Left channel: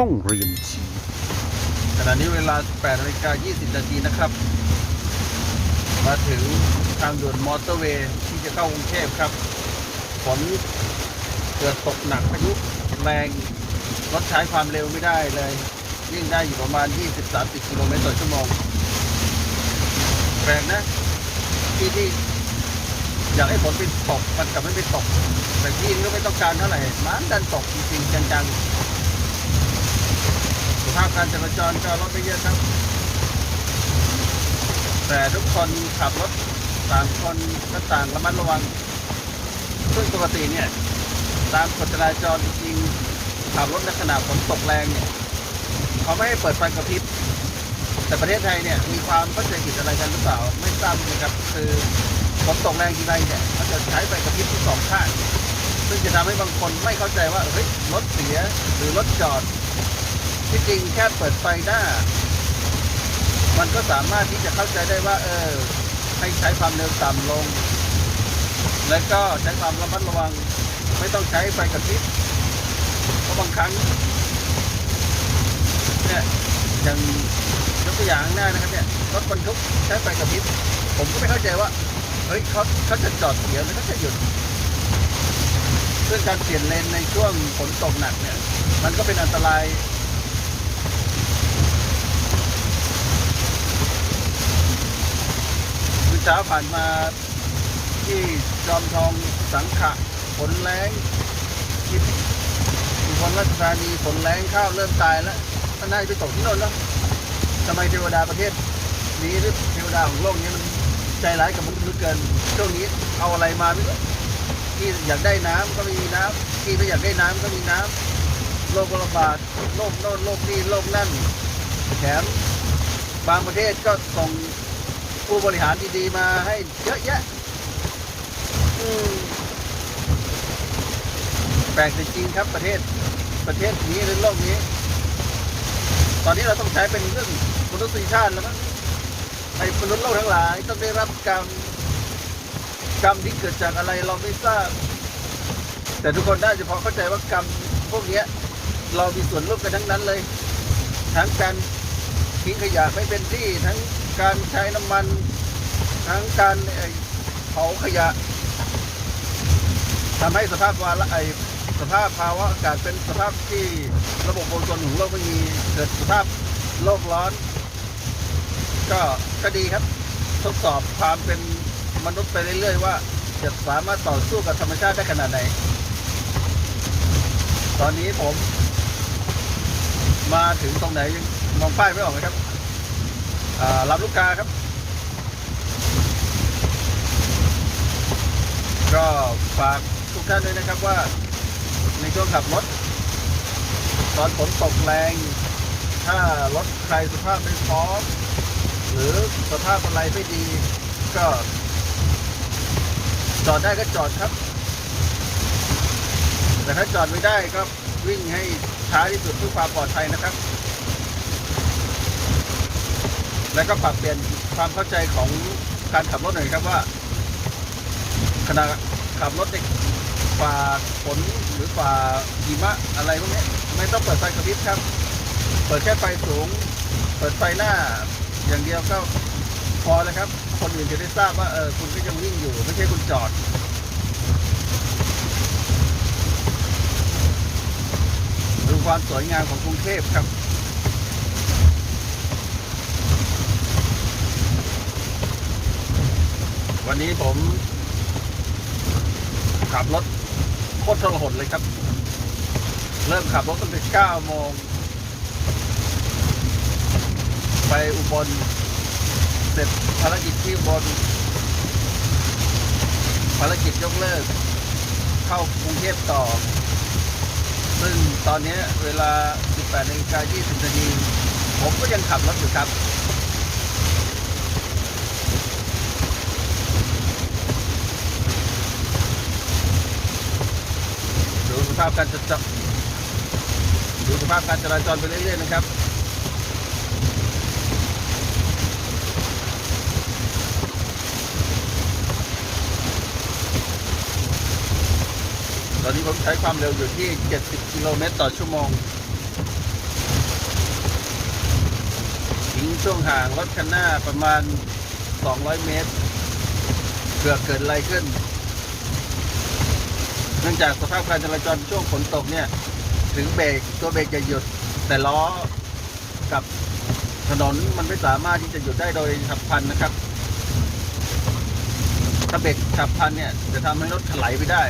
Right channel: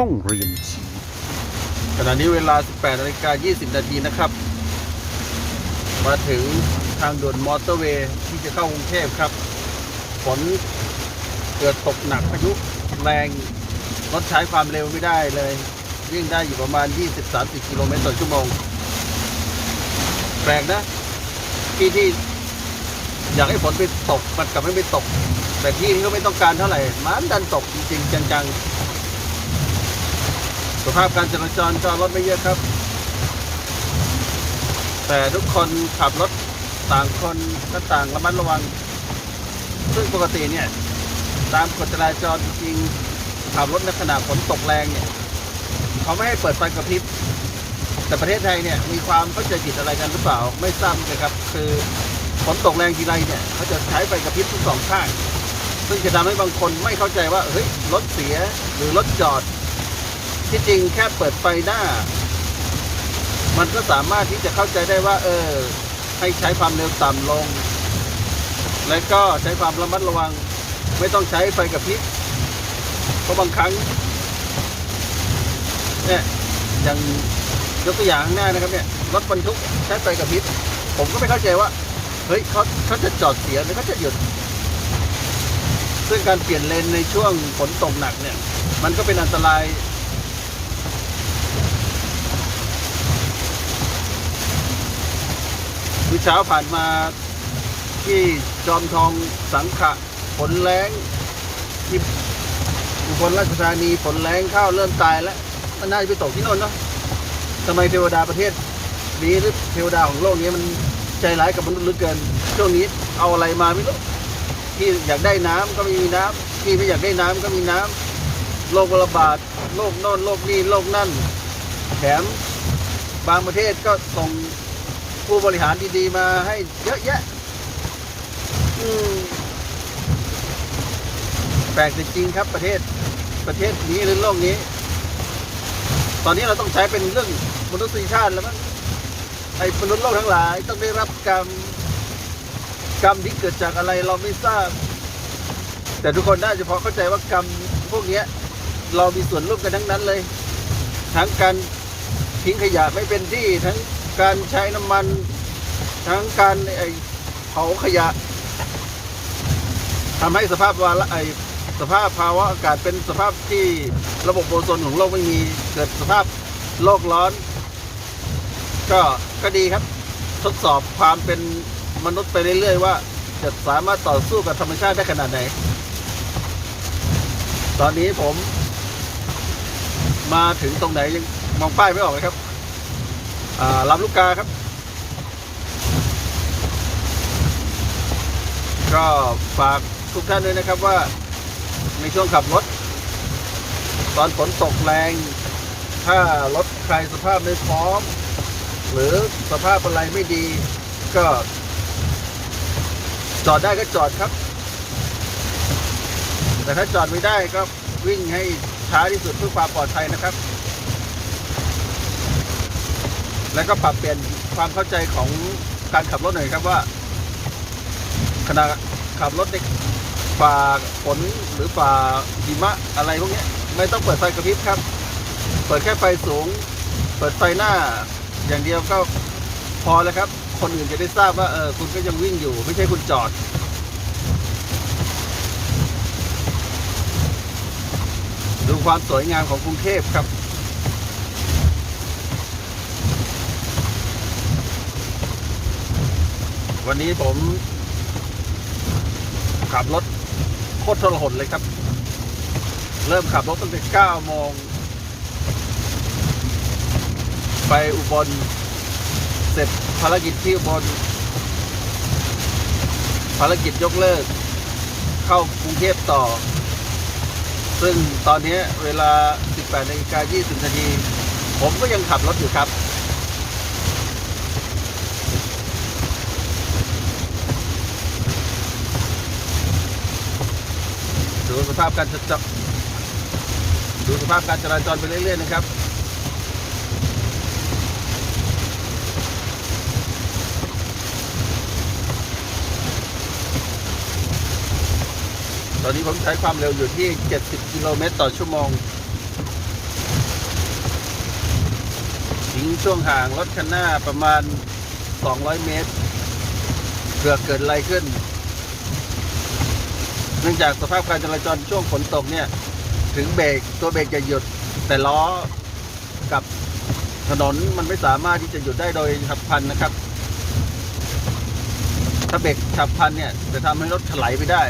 ห้องเรียนชี้ขณะนี้เวลา 18นาฬิกา20 นาทีนะครับ มาถึงทางด่วนมอเตอร์เวย์ที่จะเข้ากรุงเทพครับ ฝนเกิดตกหนักพายุแรงรถใช้ความเร็วไม่ได้เลยวิ่งได้อยู่ประมาณ 20-30 กิโลเมตรต่อชั่วโมงแปลกนะ ที่ที่อยากให้ฝนไปตกมันกลับไม่ไปตก แต่ที่ก็ไม่ต้องการเท่าไหร่มันดันตกจริงๆจังๆ ภาพการจราจรก็รถไม่เยอะครับ แต่ทุกคนขับรถต่างคนก็ต่างระมัดระวัง ซึ่งปกติเนี่ยตามกฎจราจรจริงๆขับรถในขณะฝนตกแรงเนี่ยเขาไม่ให้เปิดไฟกระพริบแต่ประเทศไทยเนี่ยมีความเข้าใจผิดอะไรกันหรือเปล่าไม่ทราบนะครับ คือฝนตกแรงทีไรเนี่ยเขาจะใช้ไฟกระพริบทั้งสองข้าง ซึ่งจะทำให้บางคนไม่เข้าใจว่าเฮ้ยรถเสียหรือรถจอด ที่จริงแค่เปิดไฟหน้า มันก็สามารถที่จะเข้าใจได้ว่า เออ ให้ใช้ความเร็วต่ำลง และก็ใช้ความระมัดระวัง ไม่ต้องใช้ไฟกระพริบเพราะบางครั้งเนี่ยอย่างยกตัวอย่างข้างหน้านะครับเนี่ยรถบรรทุกใช้ไฟกระพริบผมก็ไม่เข้าใจว่าเฮ้ยเขาเขาจะจอดเสียหรือเขาจะหยุดซึ่งการเปลี่ยนเลนในช่วงฝนตกหนักเนี่ย มันก็เป็นอันตราย คือ เช้าผ่านมาที่จอมทองสังขะฝนแรงที่อุบลราชธานีฝนแรงข้าวเริ่มตายแล้วก็น่าจะไปตกที่นนท์นะทำไมเทวดาประเทศนี้หรือเทวดาของโลกนี้มันใจร้ายกับมนุษย์เหลือเกินช่วงนี้เอาอะไรมาไม่รู้ที่อยากได้น้ำก็ไม่มีน้ำที่ไม่อยากได้น้ำก็มีน้ำโรคระบาดโรคโน่นโรคนี่โรคนั่นแถมบางประเทศก็ส่ง ผู้บริหารดีๆมาให้เยอะแยะอืมแปลกจริงๆครับประเทศประเทศนี้หรือโลกนี้ ตอนนี้เราต้องใช้เป็นเรื่องมนุษยชาติแล้วมั้งไอ้มนุษย์โลกทั้งหลายต้องได้รับกรรมกรรมที่เกิดจากอะไรเราไม่ทราบ แต่ทุกคนน่าจะพอเข้าใจว่ากรรมพวกเนี้ยเรามีส่วนร่วมกันทั้งนั้นเลย ทั้งการทิ้งขยะไม่เป็นที่ทั้ง การใช้น้ำมัน ทั้งการไอ้เผาขยะทำให้สภาพวาระไอสภาพภาวะอากาศเป็นสภาพที่ระบบโอโซนของโลกไม่มีเกิดสภาพโลกร้อน ก็ก็ดีครับ ทดสอบความเป็นมนุษย์ไปเรื่อยๆ ว่าจะสามารถต่อสู้กับธรรมชาติได้ขนาดไหน ตอนนี้ผมมาถึงตรงไหนยังมองป้ายไม่ออกเลยครับ อ่าลำลูกกาครับ ก็ฝากทุกท่านด้วยนะครับว่าในช่วงขับรถ ตอนฝนตกแรง ถ้ารถใครสภาพไม่พร้อม หรือสภาพอะไรไม่ดี ก็ จอดได้ก็จอดครับ แต่ถ้าจอดไม่ได้ก็วิ่งให้ช้าที่สุดเพื่อความปลอดภัยนะครับ แล้วก็ปรับเปลี่ยนความเข้าใจของการขับรถหน่อยครับว่าขณะขับรถในฝ่าฝนหรือฝ่าหิมะอะไรพวกนี้ไม่ต้องเปิดไฟกระพริบครับ เปิดแค่ไฟสูง เปิดไฟหน้า อย่างเดียวก็พอแล้วครับ คนอื่นจะได้ทราบว่าเออคุณก็ยังวิ่งอยู่ ไม่ใช่คุณจอดดูความสวยงามของกรุงเทพครับ วันนี้ผมขับรถโคตรทรหดเลยครับ เริ่มขับรถตั้งแต่9โมง ไปอุบล เสร็จภารกิจที่อุบล ภารกิจยกเลิก เข้ากรุงเทพต่อ ซึ่งตอนนี้เวลา 18นาฬิกา20นาที ผมก็ยังขับรถอยู่ครับ การจับดูสภาพการจราจรไปเรื่อยๆนะครับตอนนี้ผมใช้ความเร็วอยู่ที่ 70 กิโลเมตรต่อชั่วโมงทิ้งช่วงห่างรถคันหน้าประมาณ 200 เมตร เกิดเกิดอะไรขึ้น เนื่องจากสภาพการจราจรช่วงฝนตกเนี่ย ถึงเบรกตัวเบรกจะหยุด แต่ล้อกับถนนมันไม่สามารถที่จะหยุดได้โดยฉับพลันนะครับ ถ้าเบรกฉับพลันเนี่ย จะทำให้รถถลายไปได้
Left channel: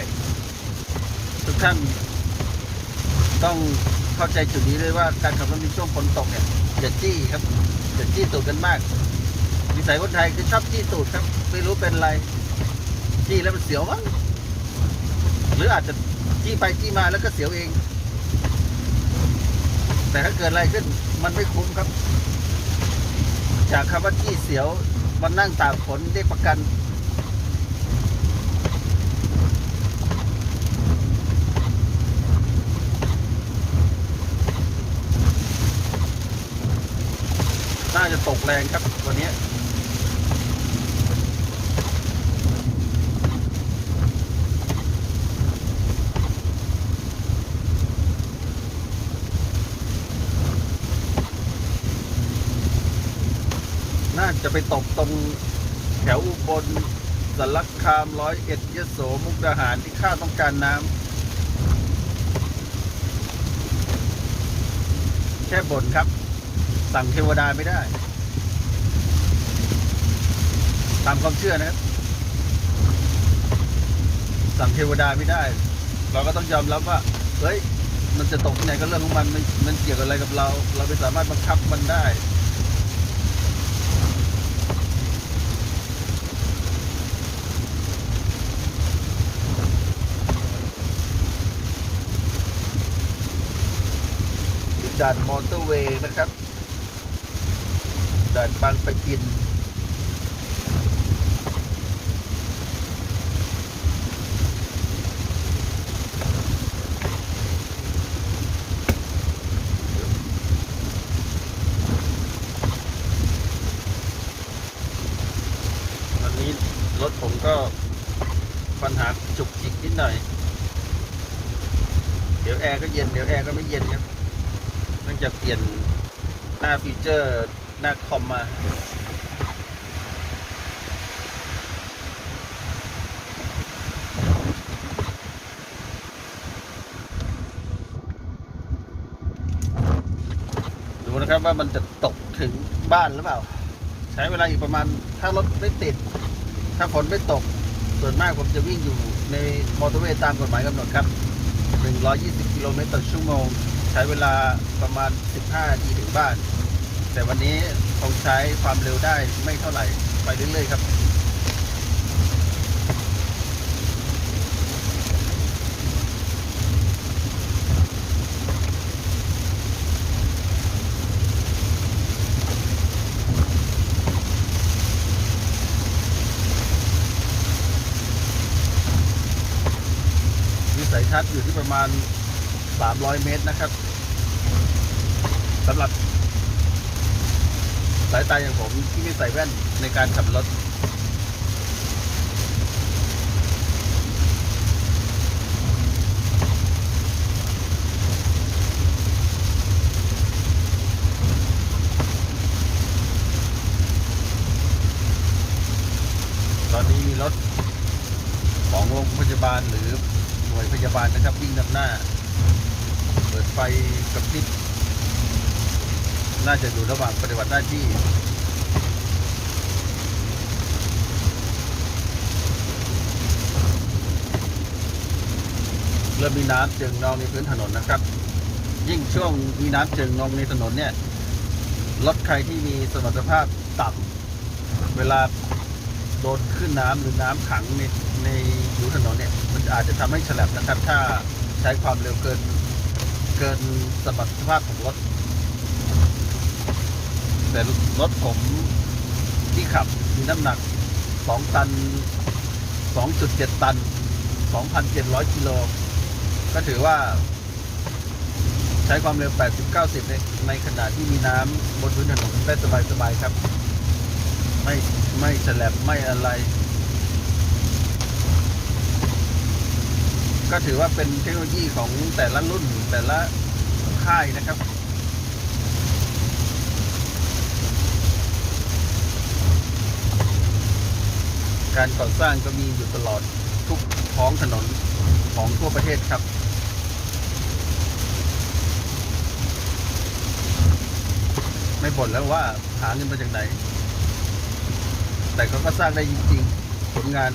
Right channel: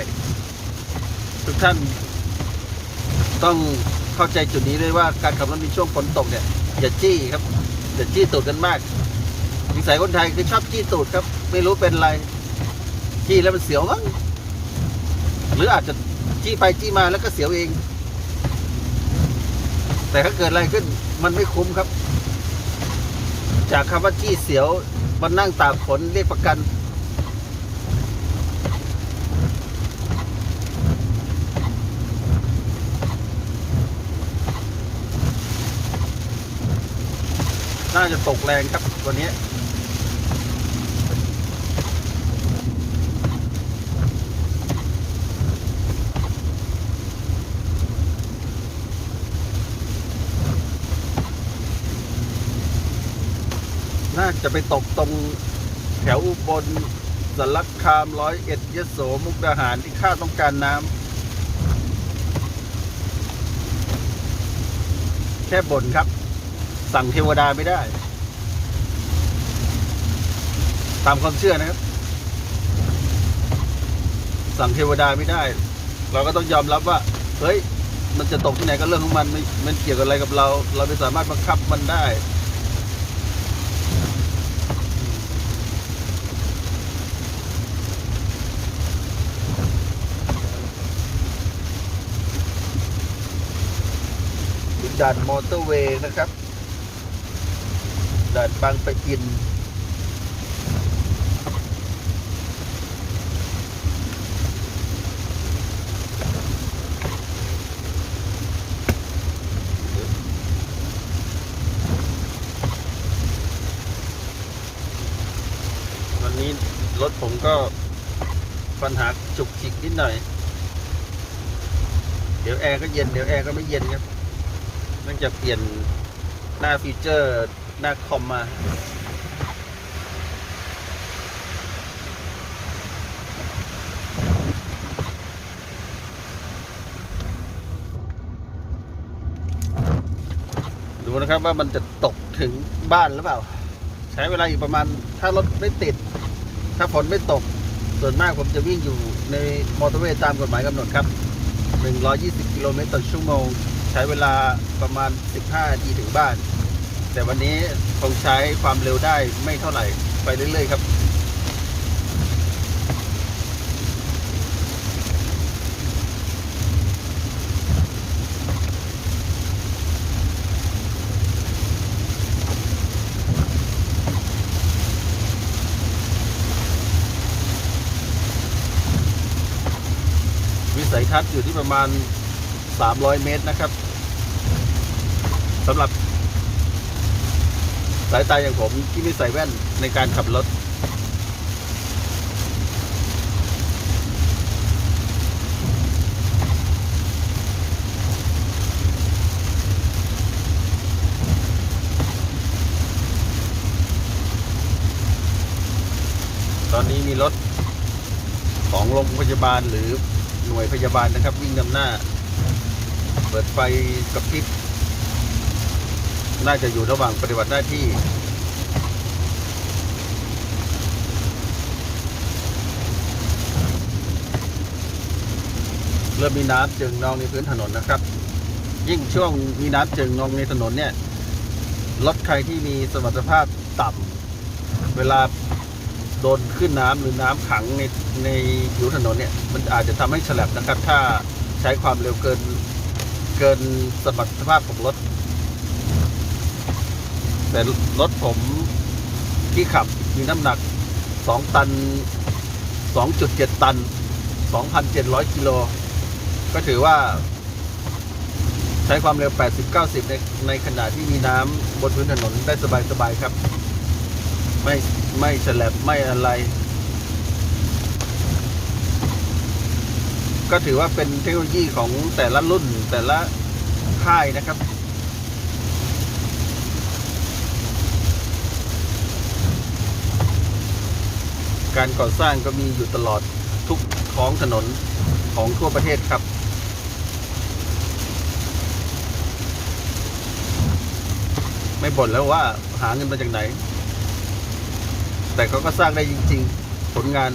ทุกท่านต้องเข้าใจจุดนี้ด้วยว่าการขับรถในช่วงฝนตกเนี่ยอย่าจี้ครับอย่าจี้ตูดกันมากนิสัยคนไทยคือชอบจี้ตูดครับ ไม่รู้เป็นอะไรจี้แล้วมันเสียวมั้ง รืออาจจะจี้ไปจี้มาแล้วก็เสียวเอง แต่ถ้าเกิดอะไรขึ้นมันไม่คุ้มครับ จากคำว่าจี้เสียวมันนั่งตากฝนเรียกประกันน่าจะตกแรงครับวันนี้ ไปตกตรงแถวอุบลสารคามร้อยเอ็ดยโสมุกดาหารที่ข้าต้องการน้ำแค่บ่นครับ สั่งเทวดาไม่ได้ ตามความเชื่อนะครับ สั่งเทวดาไม่ได้ เราก็ต้องยอมรับว่า เฮ้ย มันจะตกที่ไหนก็เรื่องของมันไม่มันเกี่ยวกับอะไรกับเรา เราไม่สามารถบังคับมันได้ ด่านมอเตอร์เวย์นะครับด่านบางปะอิน วันนี้รถผมก็ปัญหาจุกจิกนิดหน่อย เดี๋ยวแอร์ก็เย็น เดี๋ยวแอร์ก็ไม่เย็นครับ เนื่งจากเปลี่ยนหน้าฟีเจอร์หน้าคอมมาดูนะครับว่ามันจะตกถึงบ้านหรือเปล่า ใช้เวลาอีกประมาณ ถ้ารถไม่ติด ถ้าฝนไม่ตก ส่วนมากผมจะวิ่งอยู่ในมอเตอร์เวย์ตามกฎหมายกำหนดครับ 120 กิโลเมตรต่อชั่วโมง ใช้เวลาประมาณ 15นาทีถึงบ้าน แต่วันนี้คงใช้ความเร็วได้ไม่เท่าไหร่ ไปเรื่อยๆครับวิสัยทัศน์อยู่ที่ประมาณ 300 เมตรนะครับสำหรับ สายตาอย่างผมที่ไม่ใส่แว่นในการขับรถ ตอนนี้มีรถของโรงพยาบาลหรือหน่วยพยาบาลนะครับ วิ่งนำหน้า ไฟกระพริบน่าจะอยู่ระหว่างปฏิบัติหน้าที่ เริ่มมีน้ำจึงนองในพื้นถนนนะครับ ยิ่งช่วงมีน้ำจึงนองในถนนเนี่ยรถใครที่มีสมรรถภาพต่ำเวลาโดนขึ้นน้ำหรือน้ำขังในในผิวถนนเนี่ย มันอาจจะทำให้ฉลับนะครับ ถ้าใช้ความเร็วเกิน เกินสมรรถภาพของรถ แต่รถผมที่ขับมีน้ำหนัก 2 ตัน 2.7 ตัน 2,700 กิโล ก็ถือว่า ใช้ความเร็ว 80-90 ในในขณะที่มีน้ำบนพื้นถนนได้สบาย ๆ ครับ ไม่ไม่แฉลบไม่อะไร ก็ถือว่าเป็นเทคโนโลยีของแต่ละรุ่นแต่ละค่ายนะครับการก่อสร้างก็มีอยู่ตลอดทุกท้องถนนของทั่วประเทศครับ ไม่บ่นแล้วว่าหาเงินมาจากไหน แต่เขาก็สร้างได้จริง ๆ ผลงาน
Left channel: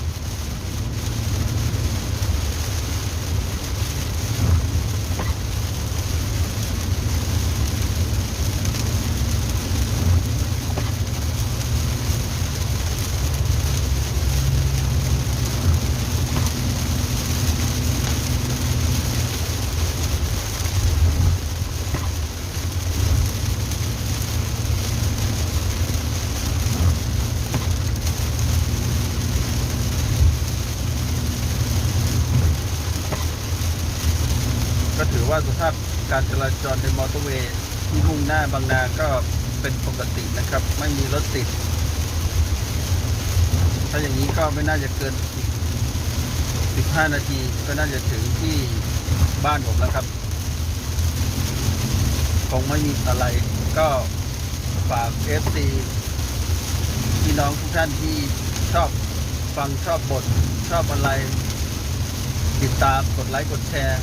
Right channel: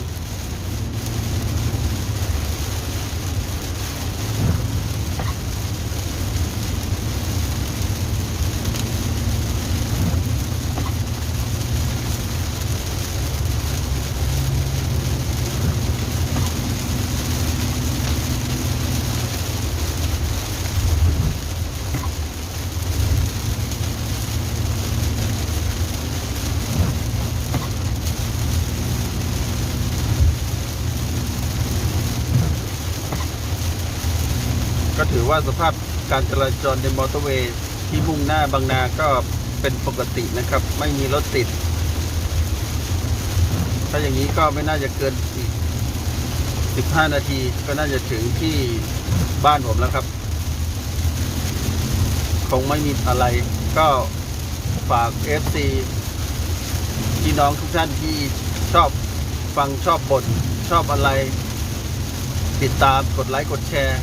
การจราจรในมอเตอร์เวย์ที่มุ่งหน้าบางนาก็เป็นปกตินะครับ ไม่มีรถติด ถ้าอย่างนี้ก็ไม่น่าจะเกินอีก15 นาทีก็น่าจะถึงที่บ้านผมแล้วครับ คงไม่มีอะไรก็ฝาก FC พี่น้องทุกท่านที่ชอบฟังชอบบทชอบอะไร ติดตามกดไลค์กดแชร์